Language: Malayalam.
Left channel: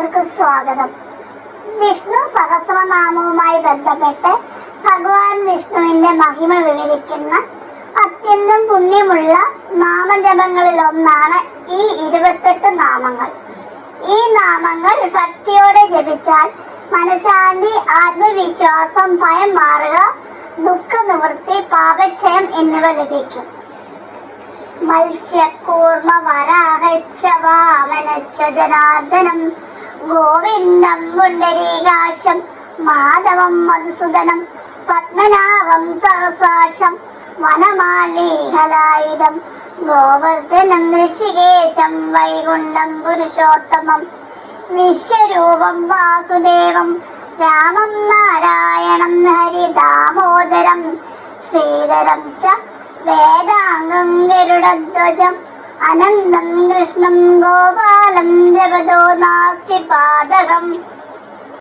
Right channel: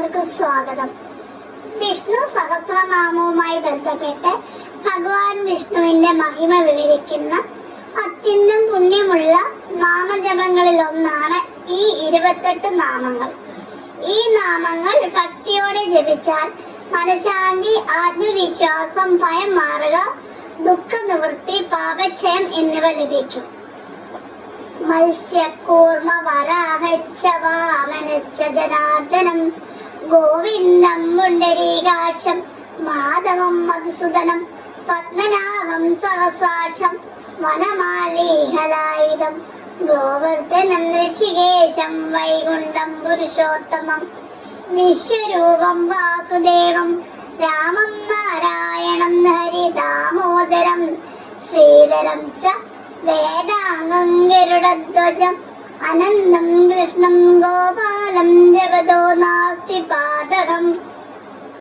എല്ലാവർക്കും സ്വാഗതം. വിഷ്ണു സഹസ്രനാമവുമായി ബന്ധപ്പെട്ട് ഭഗവാൻ വിഷ്ണുവിന്റെ മഹിമ വിവരിക്കുന്ന അത്യന്തം പുണ്യമുള്ള നാമജപങ്ങളിൽ ഒന്നാണ് ഈ 28 നാമങ്ങൾ. ഈ നാമങ്ങൾ ഭക്തിയോടെ ജപിച്ചാൽ മനഃശാന്തി, ആത്മവിശ്വാസം, ഭയം മാറുക, ദുഃഖ നിവൃത്തി, പാപക്ഷയം എന്നിവ ലഭിക്കും. മത്സ്യകൂർമ്മ വരാഹച്ച വാമനച്ച ജനാർദ്ദനം ഗോവിന്ദം പുണ്ടരീകാക്ഷം മാധവം മധുസൂദനം പത്മനാഭം സഹസ്രാക്ഷം വനമാലീഹലായുധം ഗോവർദ്ധനം ഋഷികേശം വൈകുണ്ഠം പുരുഷോത്തമം വിശ്വരൂപം വാസുദേവം രാമം നാരായണം ഹരി ദാമോദരം ശ്രീധരം ച വേദാംഗം ഗരുഡധ്വജം അനന്തം കൃഷ്ണം ഗോപാലം ജപതോ നാസ്തി പാതകം.